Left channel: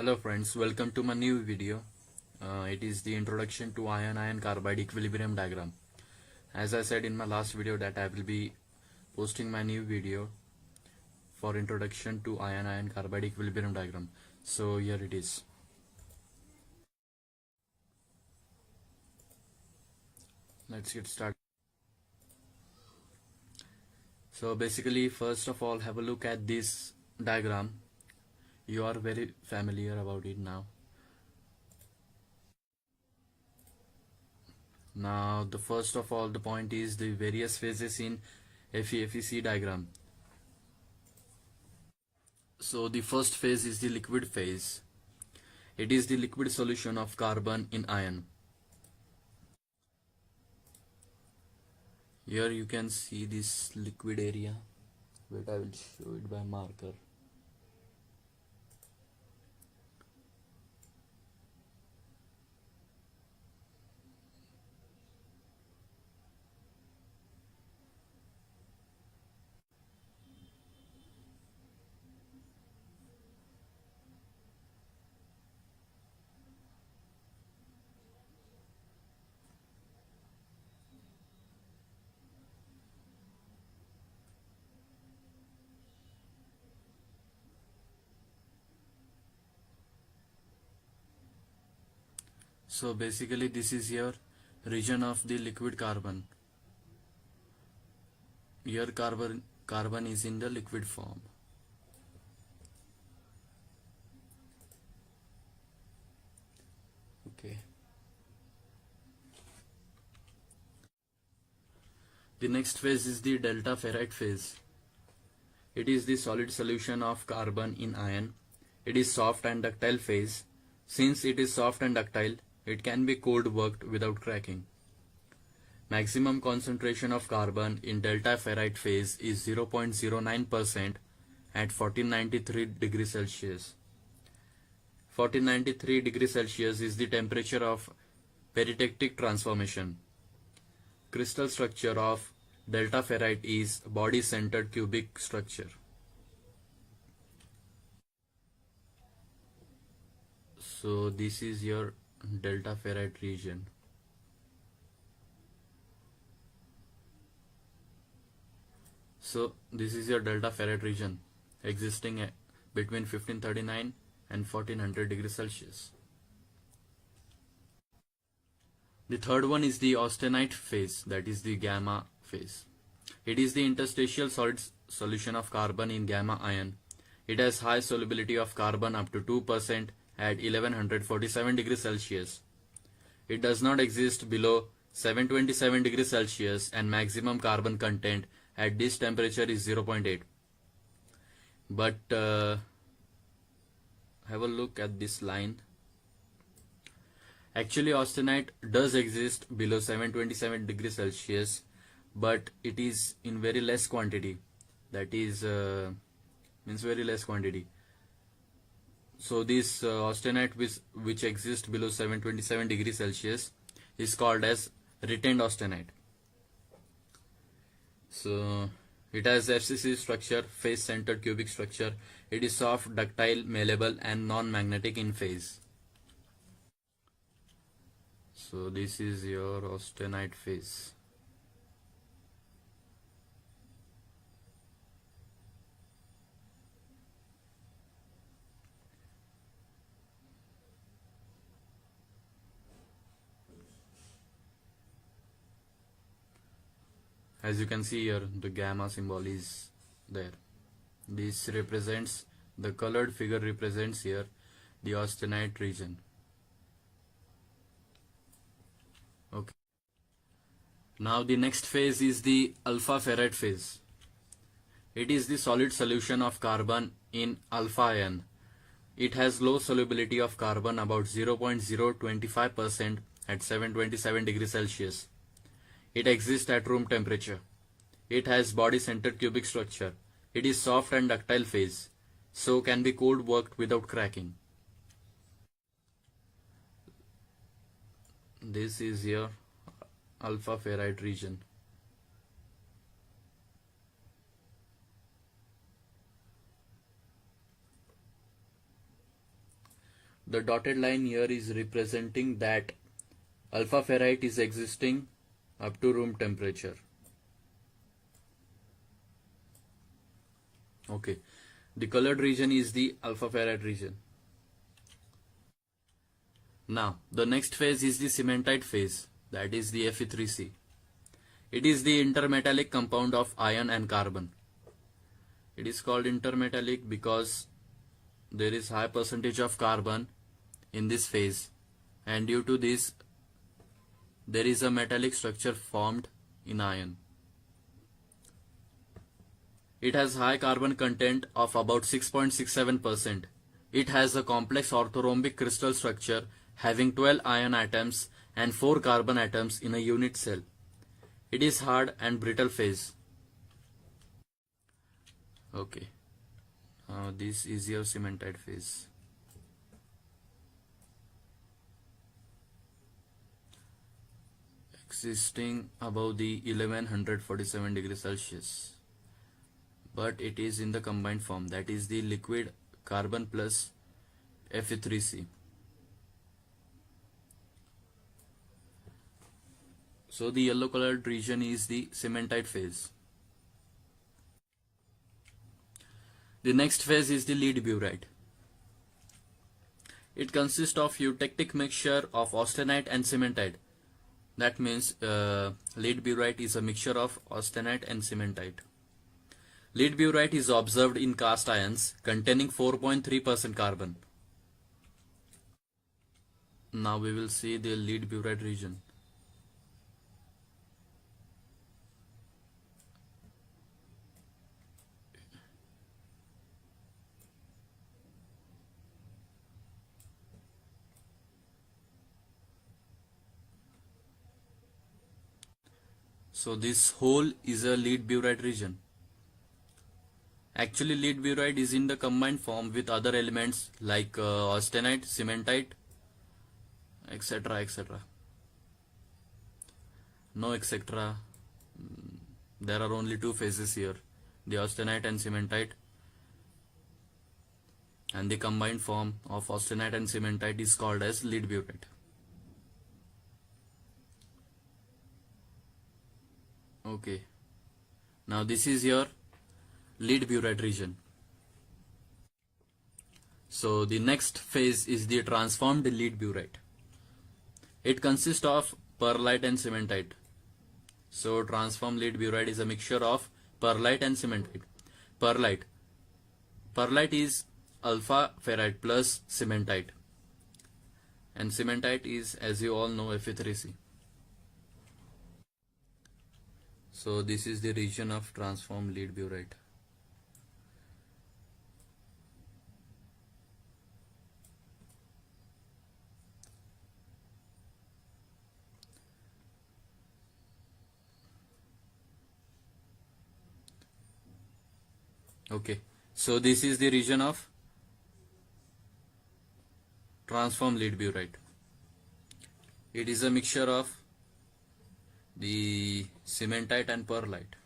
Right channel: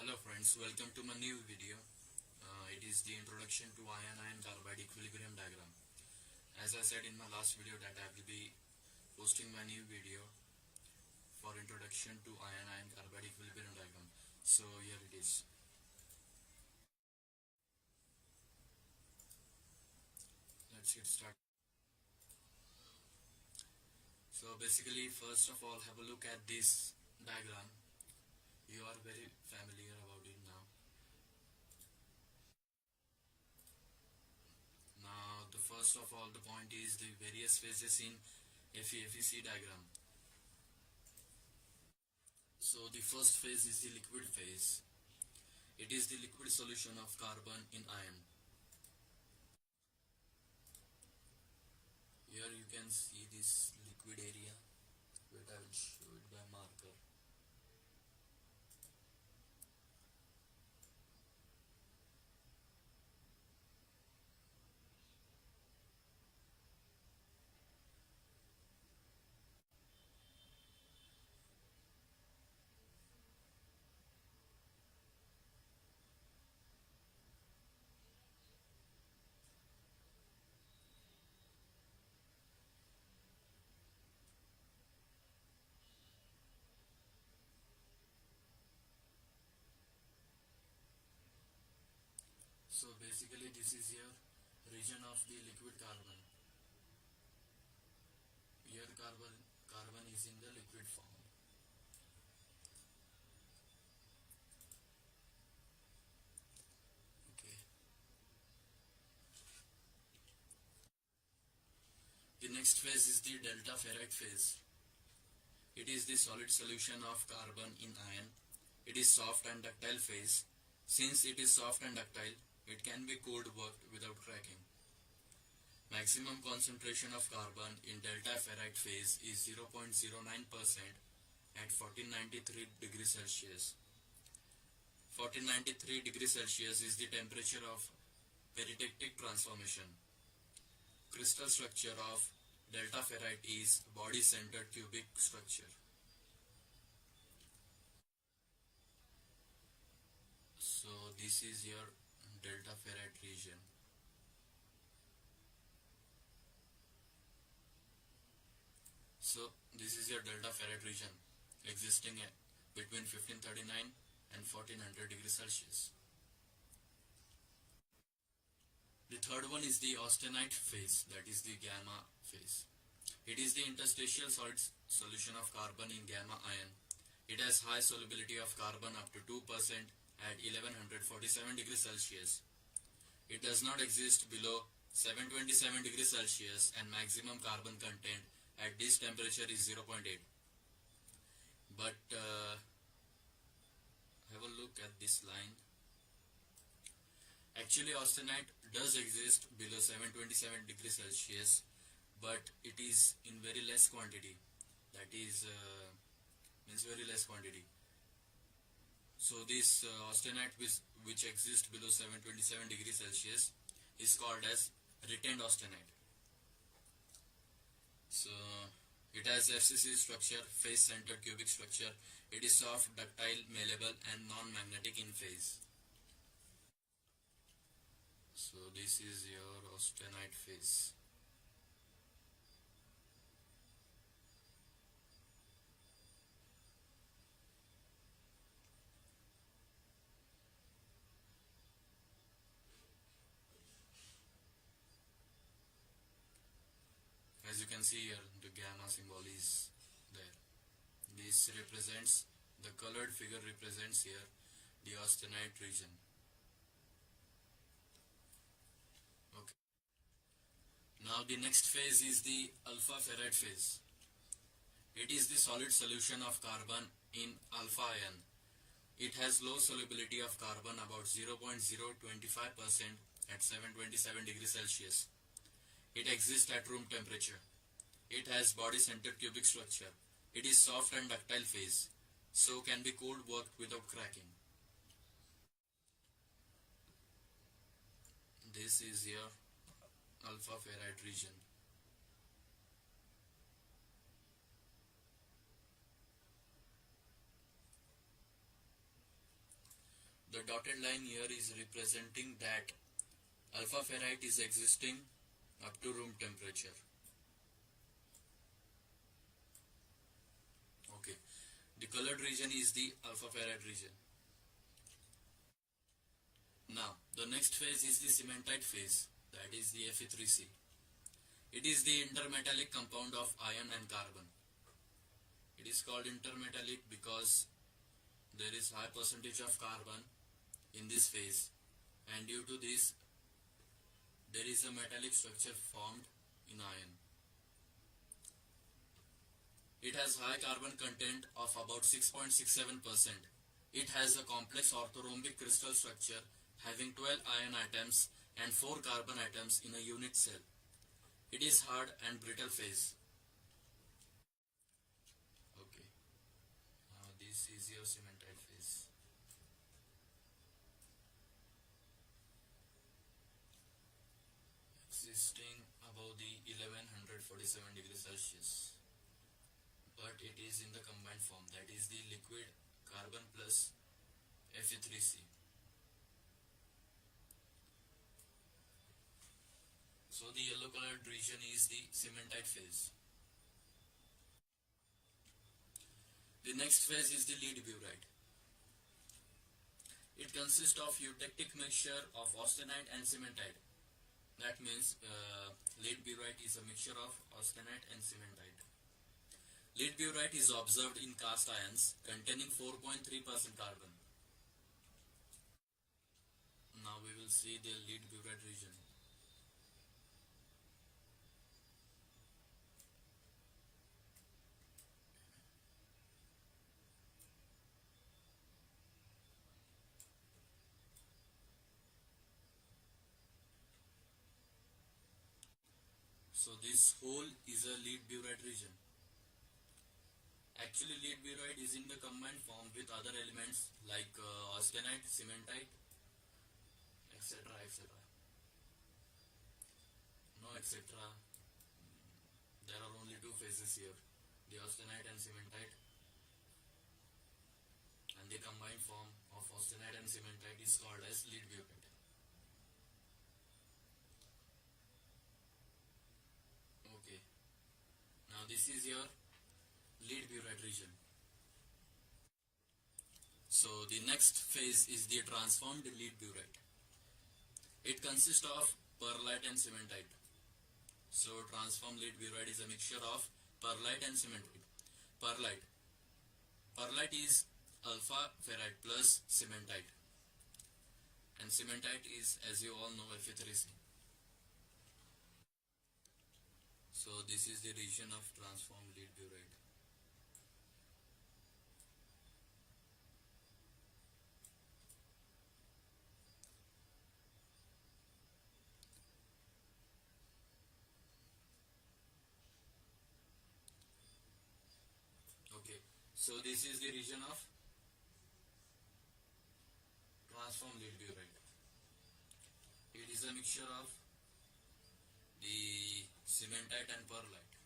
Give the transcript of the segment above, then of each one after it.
Hello friends, welcome to my new video. It is the introduction to ion-ion carbide equilibrium diagram. As I said in my last video that I will be posting my new video for introduction to ion-ion carbide equilibrium diagram. So here it is. Let's get started. So basically, first of all, have a look at this diagram. You are very familiar about it now. Now, the first of all, the point is the various phases in Fe-Fe3C diagram. So the first phase is the liquid phase. It is the liquid solution of carbon in iron. Here you can see this liquid area. Wait, I will show it by marker. So basically this is your region of the liquid carbon. Here carbon is in the liquid form. Okay. The next phase is the delta ferrite phase. It is the solid solution of carbon in iron. It is soft and ductile phase. Since it is soft and ductile, it can be cold worked without cracking. Maximum concentration of carbon in delta ferrite phase is 0.09% at 1493 degrees Celsius. 1493 degrees Celsius is the temperature of peritectic transformation. Crystal structure of delta ferrite is body-centered cubic structure. So this is your delta ferrite region. So this is your delta ferrite region existing between 1539 and 1400 degrees Celsius. The third one is the austenite phase, that is the gamma phase. It is the interstitial solid solution of carbon in gamma ion. It has high solubility of carbon up to 2% at 1147 degrees Celsius. It does not exist below 727 degrees Celsius and maximum carbon content at this temperature is 0.8. But have a look at this line. Actually, austenite does exist below 727 degrees Celsius, but it is in very less quantity. That is means very less quantity. So this austenite which exists below 727 degrees Celsius is called as retained austenite. So it has FCC structure, face-centered cubic structure. It is soft, ductile, malleable, and non-magnetic in phase. So this is your austenite phase. As you can see here, the gamma symbol is there. This represents, the colored figure represents here the austenite region. Okay. Now the next phase is the alpha ferrite phase. It is the solid solution of carbon in alpha ion. It has low solubility of carbon, about 0.025% at 727 degrees Celsius. It exists at room temperature. It has body-centered cubic structure. It is soft and ductile phase, so can be cold worked without cracking. This is your alpha ferrite region. the dotted line here is representing that alpha ferrite is existing up to room temperature. Okay, the colored region is the alpha ferrite region. Now, the next phase is the cementite phase, that is the Fe3C. It is the intermetallic compound of iron and carbon. It is called intermetallic because there is high percentage of carbon in this phase, and due to this there is a metallic structure formed in iron. It has high carbon content of about 6.67%. It has a complex orthorhombic crystal structure having 12 iron atoms and 4 carbon atoms in a unit cell. It is hard and brittle phase. Okay, this is your cementite phase. Existing above the 1147 degrees Celsius, but it is in the combined form, that is the liquid carbon plus Fe3C. So the yellow colored region is the cementite phase. The next phase is the lead burite. It consists of eutectic mixture of austenite and cementite. That means lead burite is a mixture of austenite and cementite. Lead burite is observed in cast irons containing 4.3% carbon. Now we will see the lead burite region. So this whole is a lead burite region. Actually, lead burite is in the combined form with other elements like austenite, cementite, etc. etc. No etc. There are only two phases here, the austenite and cementite, and the combined form of austenite and cementite is called as lead burite. Okay, now this is your lead burite region. So the next phase is the transformed lead burite. It consists of perlite and cementite. So transformed lead burite is a mixture of perlite and cementite. Perlite is alpha ferrite plus cementite, and cementite is, as you all know, Fe3C. So this is the region of transformed lead burite. Okay, so this is the region of transformed lead burite. It is a mixture of the cementite and perlite.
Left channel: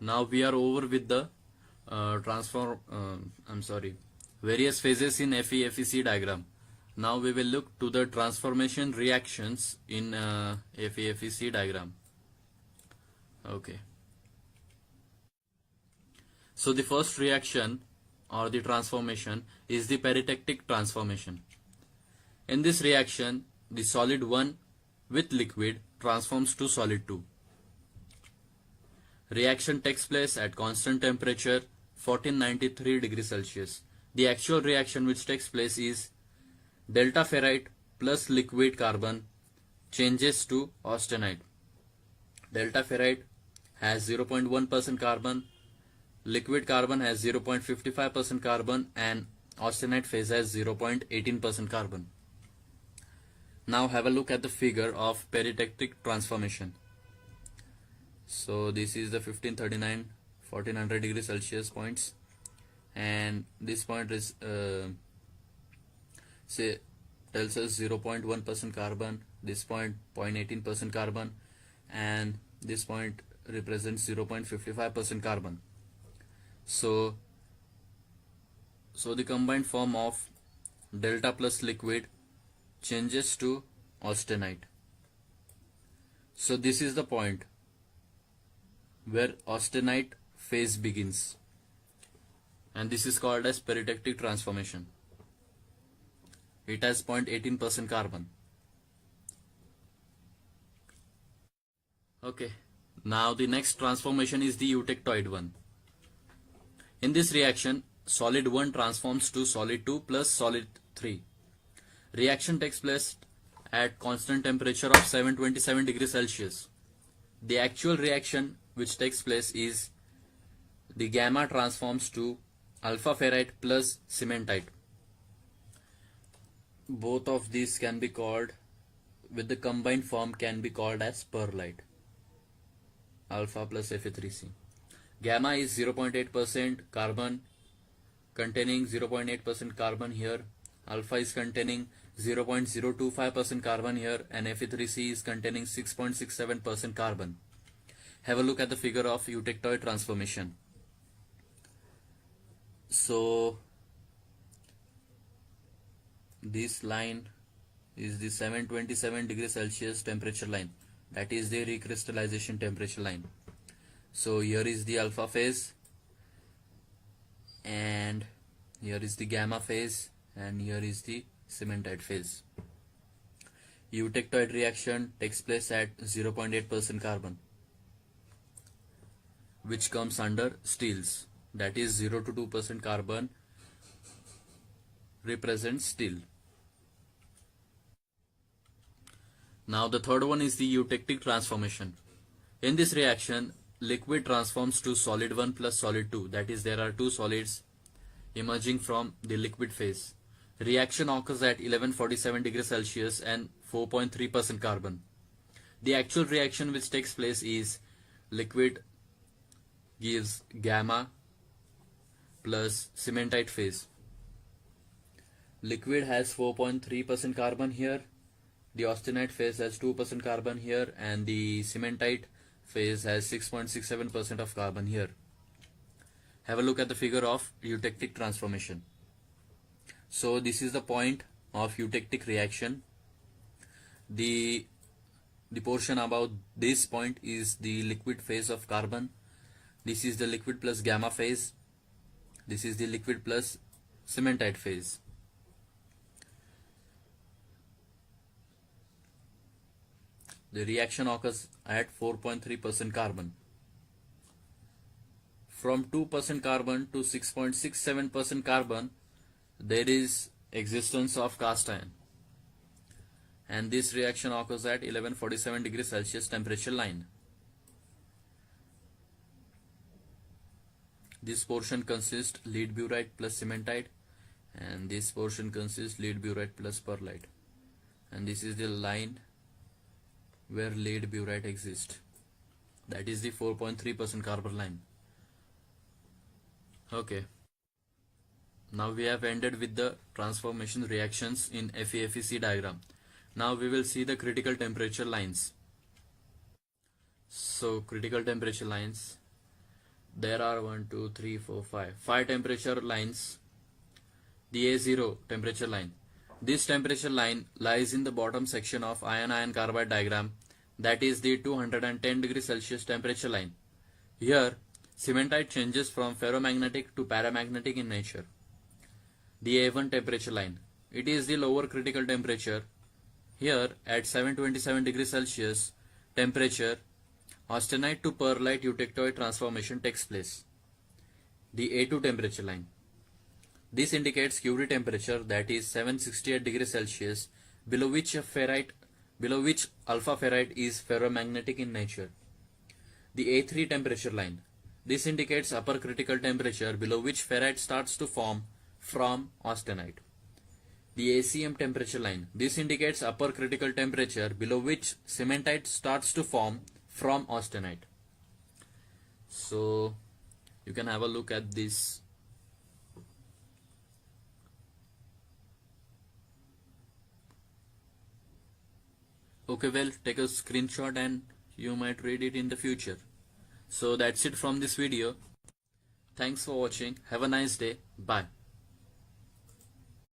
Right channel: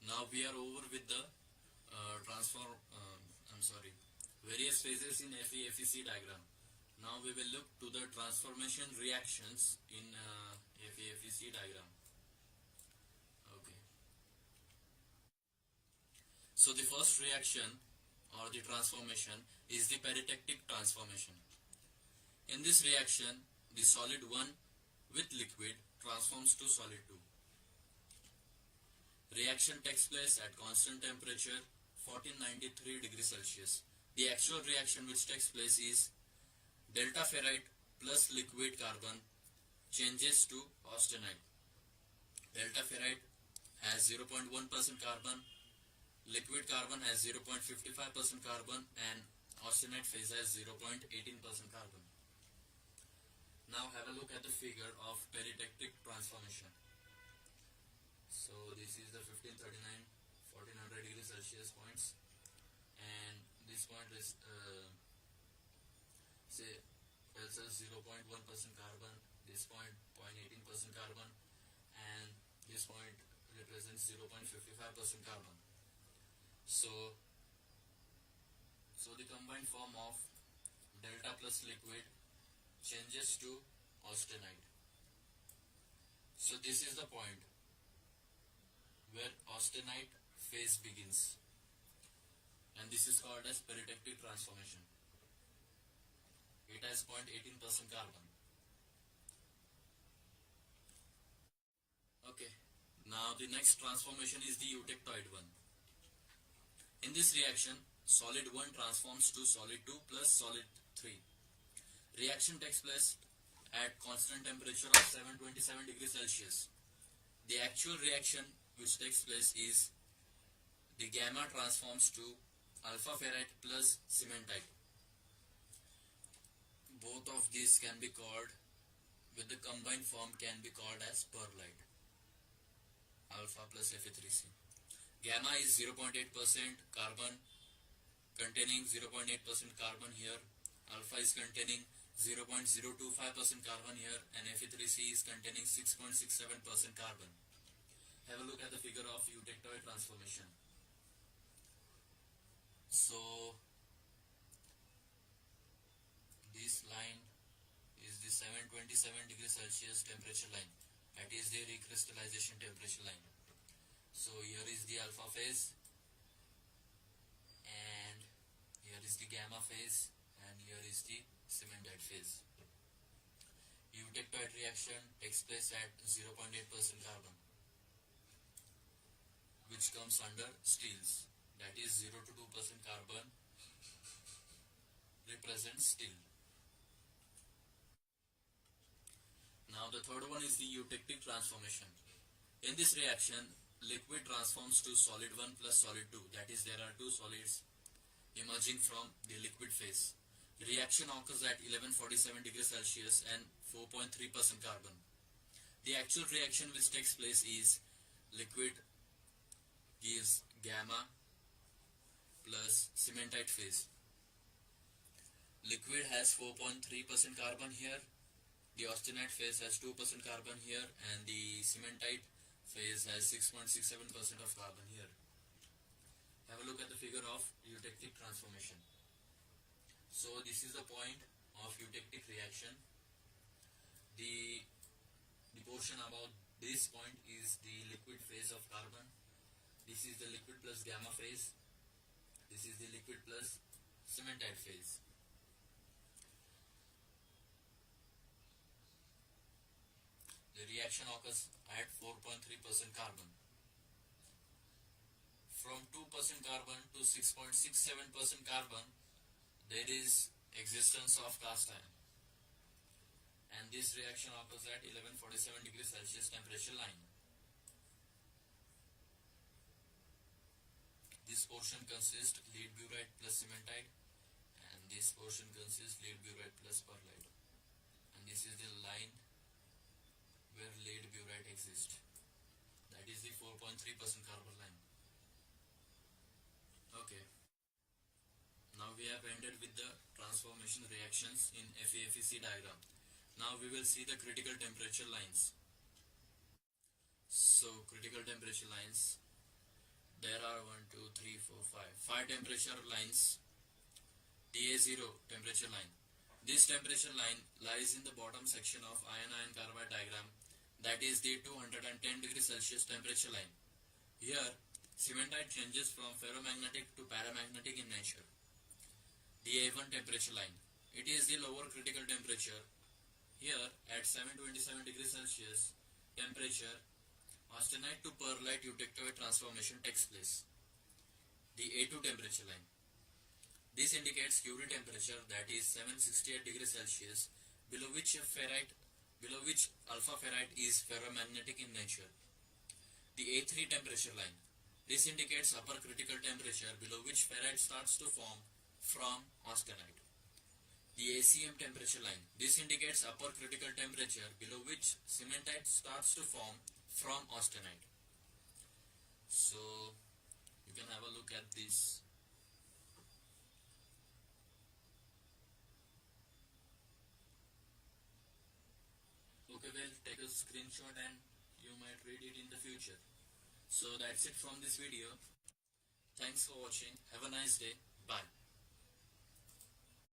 Now we are over with the various phases in Fe-Fe3C diagram. Now we will look to the transformation reactions in Fe-Fe3C diagram. Okay. So the first reaction or the transformation is the peritectic transformation. In this reaction, the solid 1 with liquid transforms to solid 2. Reaction takes place at constant temperature 1493 degrees Celsius. The actual reaction which takes place is delta ferrite plus liquid carbon changes to austenite. Delta ferrite has 0.1% carbon, liquid carbon has 0.55% carbon, and austenite phase has 0.18% carbon. Now have a look at the figure of peritectic transformation. So this is the 1539 1400 degrees Celsius points, and this point is say tells us 0.1% carbon, this point 0.18% carbon, and this point represents 0.55% carbon. So So the combined form of delta plus liquid changes to austenite. So this is the point where austenite phase begins, and this is called as peritectic transformation. It has 0.18% carbon. Okay, now the next transformation is the eutectoid one. In this reaction, solid 1 transforms to solid 2 plus solid 3. Reaction takes place at constant temperature of 727 degrees Celsius. The actual reaction which takes place is the gamma transforms to alpha ferrite plus cementite. Both of these can be called, with the combined form, can be called as perlite. Alpha plus Fe-Fe3C. Gamma is 0.8% carbon, containing 0.8% carbon here. Alpha is containing 0.025% carbon here, and Fe3C is containing 6.67% carbon. Have a look at the figure of eutectoid transformation. So this line is the 727 degrees Celsius temperature line. That is the recrystallization temperature line. So here is the alpha phase, and here is the gamma phase, and here is the cementite phase. Eutectoid reaction takes place at 0.8% carbon, which comes under steels. That is 0 to 2% carbon represents steel. Now the third one is the eutectic transformation. In this reaction, liquid transforms to solid 1 plus solid 2. That is, there are two solids emerging from the liquid phase. Reaction occurs at 1147 degrees Celsius and 4.3% carbon. The actual reaction which takes place is liquid gives gamma plus cementite phase. Liquid has 4.3% carbon here, the austenite phase has 2% carbon here, and the cementite phase has 6.67% of carbon here. Have a look at the figure of eutectic transformation. So this is the point of eutectic reaction. The portion about this point is the liquid phase of carbon. This is the liquid plus gamma phase. This is the liquid plus cementite phase. The reaction occurs at 4.3% carbon. From 2% carbon to 6.67% carbon, there is existence of cast iron, and this reaction occurs at 1147 degrees Celsius temperature line. This portion consists lead burite plus cementite, and this portion consists lead burite plus perlite, and this is the line where lead burite exists. That is the 4.3% carbon line. Okay. Now we have ended with the transformation reactions in Fe-Fe3C diagram. Now we will see the critical temperature lines. So critical temperature lines, there are 5 temperature lines. The A0 temperature line. This temperature line lies in the bottom section of iron-iron carbide diagram, that is the 210 degrees Celsius temperature line. Here, cementite changes from ferromagnetic to paramagnetic in nature. The A1 temperature line. It is the lower critical temperature. Here, at 727 degrees Celsius temperature, austenite to perlite eutectoid transformation takes place. The A2 temperature line. This indicates Curie temperature, that is 768 degrees Celsius, below which alpha ferrite is ferromagnetic in nature. The A3 temperature line. This indicates upper critical temperature, below which ferrite starts to form from austenite. The ACM temperature line. This indicates upper critical temperature, below which cementite starts to form from austenite. So you can have a look at this. Okay, well, take a screenshot and you might read it in the future. So that's it from this video. Thanks for watching. Have a nice day. Bye.